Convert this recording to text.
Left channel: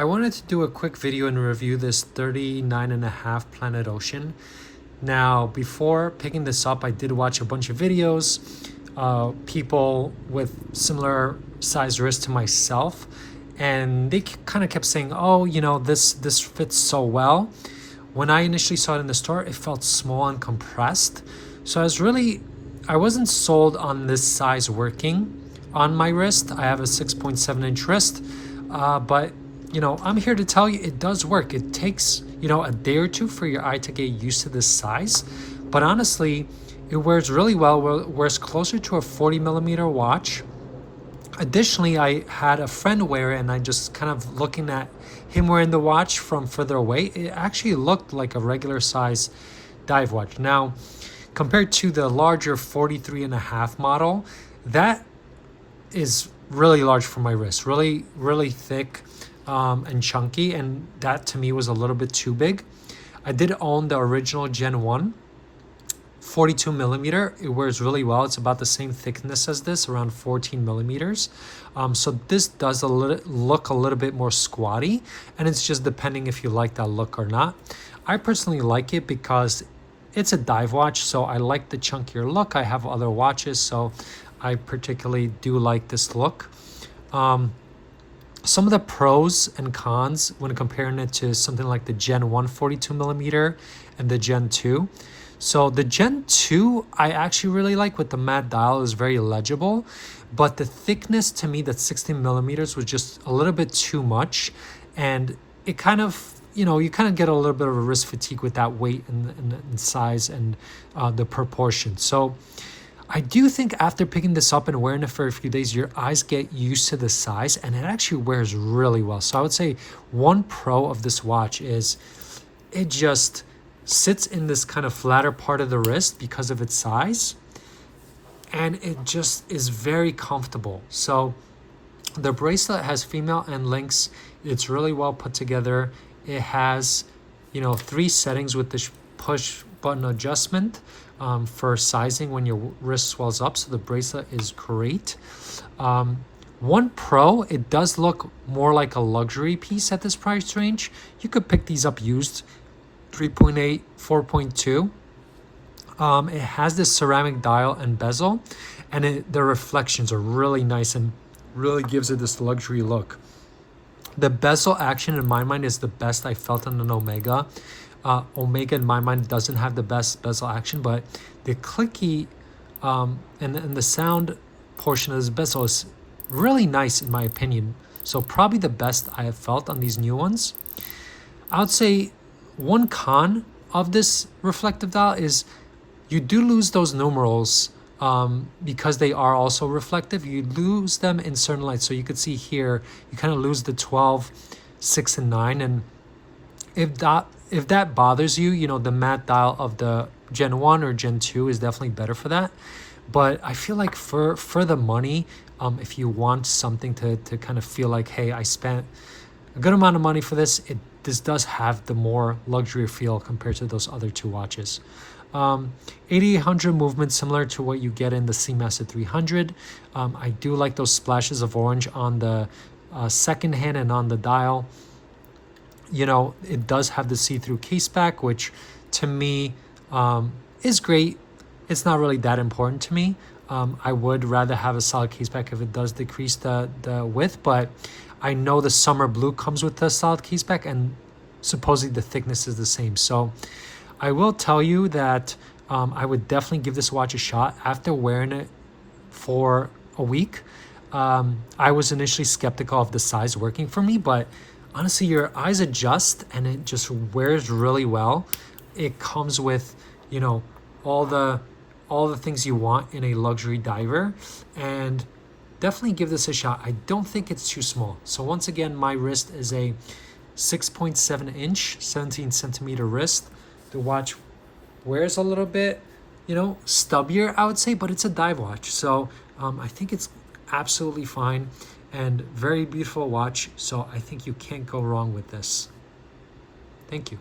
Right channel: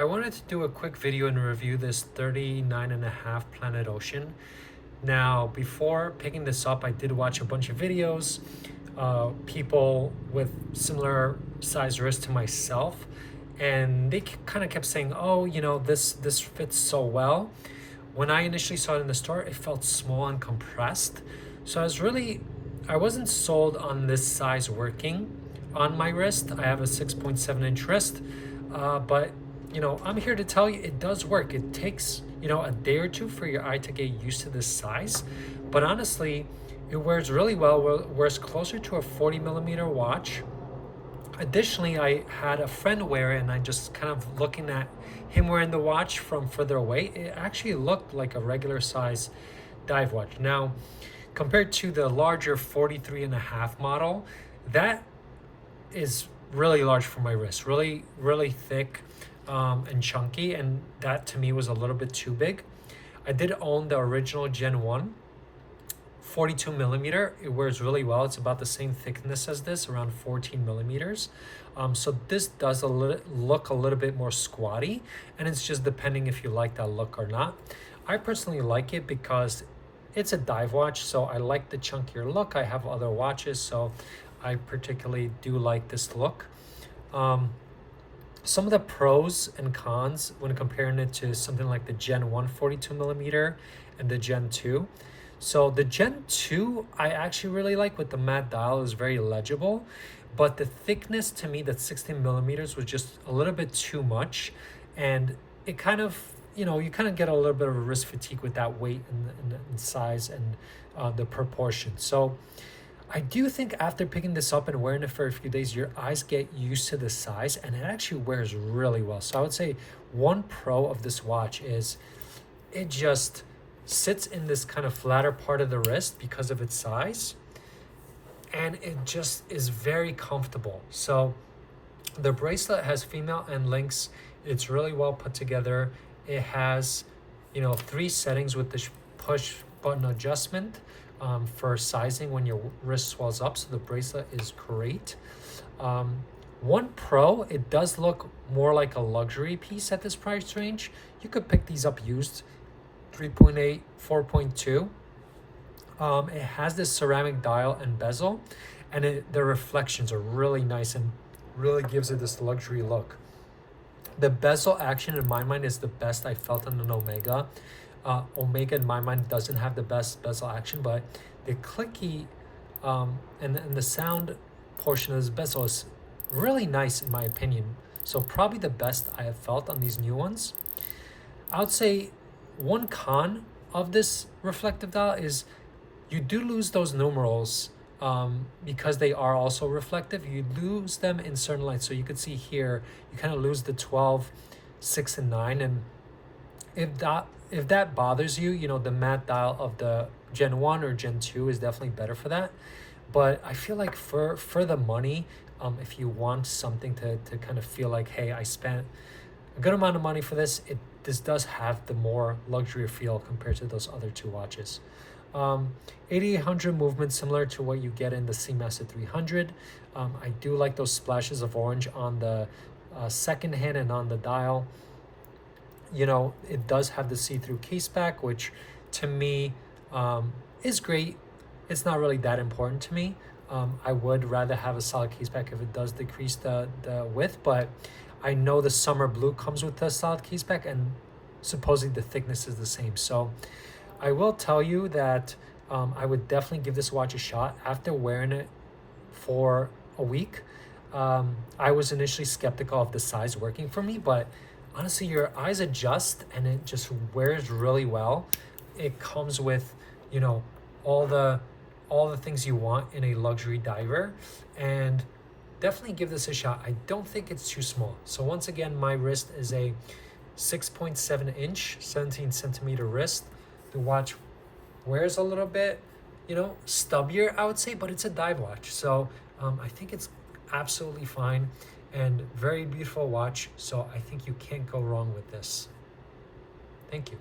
I wanted to do a quick video and review this 39.5 Planet Ocean. Now, before picking this up, I did watch a bunch of videos, people with similar size wrists to myself, and they kind of kept saying, oh, you know, this fits so well. When I initially saw it in the store, it felt small and compressed. So I wasn't sold on this size working on my wrist. I have a 6.7 inch wrist, but you know, I'm here to tell you it does work. It takes, you know, a day or two for your eye to get used to this size, but honestly, it wears really well. It wears closer to a 40mm watch. Additionally, I had a friend wear it, and I just kind of looking at him wearing the watch from further away, it actually looked like a regular size dive watch. Now, compared to the larger 43.5 model, that is really large for my wrist, really thick and chunky, and that to me was a little bit too big. I did own the original Gen 1 42mm. It wears really well. It's about the same thickness as this, around 14mm. So this does look a little bit more squatty, and it's just depending if you like that look or not. I personally like it because it's a dive watch, so I like the chunkier look. I have other watches, so I particularly do like this look. Some of the pros and cons when comparing it to something like the Gen 1 42mm and the Gen 2. So the Gen 2 I actually really like with the matte dial. Is very legible, but the thickness to me, that 16mm, was just a little bit too much, and it kind of, you know, you kind of get a little bit of a wrist fatigue with that weight and size and the proportion. So I do think after picking this up and wearing it for a few days, your eyes get used to the size, and it actually wears really well. So I would say one pro of this watch is it just sits in this kind of flatter part of the wrist because of its size, and it just is very comfortable. So the bracelet has female end links. It's really well put together. It has, you know, 3 settings with this push button adjustment for sizing when your wrist swells up. So the bracelet is great. One pro, it does look more like a luxury piece at this price range. You could pick these up used, 3.8, 4.2. It has this ceramic dial and bezel, and the reflections are really nice and really gives it this luxury look. The bezel action in my mind is the best I felt on an Omega. Omega in my mind doesn't have the best bezel action, but the clicky and the sound portion of this bezel is really nice in my opinion. So probably the best I have felt on these new ones. I would say one con of this reflective dial is you do lose those numerals because they are also reflective. You lose them in certain lights. So you could see here, you kind of lose the 12, 6, and 9. And if that bothers you, you know, the matte dial of the Gen 1 or Gen 2 is definitely better for that. But I feel like for the money, if you want something to kind of feel like, hey, I spent a good amount of money for this, this does have the more luxury feel compared to those other 2 watches. 8800 movement, similar to what you get in the Seamaster 300. I do like those splashes of orange on the second hand and on the dial. You know, it does have the see-through case back, which to me is great. It's not really that important to me. I would rather have a solid case back if it does decrease the width, but I know the summer blue comes with the solid case back, and supposedly the thickness is the same. So I will tell you that I would definitely give this watch a shot after wearing it for a week. I was initially skeptical of the size working for me, but honestly, your eyes adjust and it just wears really well. It comes with, you know, all the things you want in a luxury diver, and definitely give this a shot. I don't think it's too small. So once again, my wrist is a 6.7 inch, 17cm wrist. The watch wears a little bit, you know, stubbier, I would say, but it's a dive watch. So I think it's absolutely fine and very beautiful watch. So I think you can't go wrong with this. Thank you.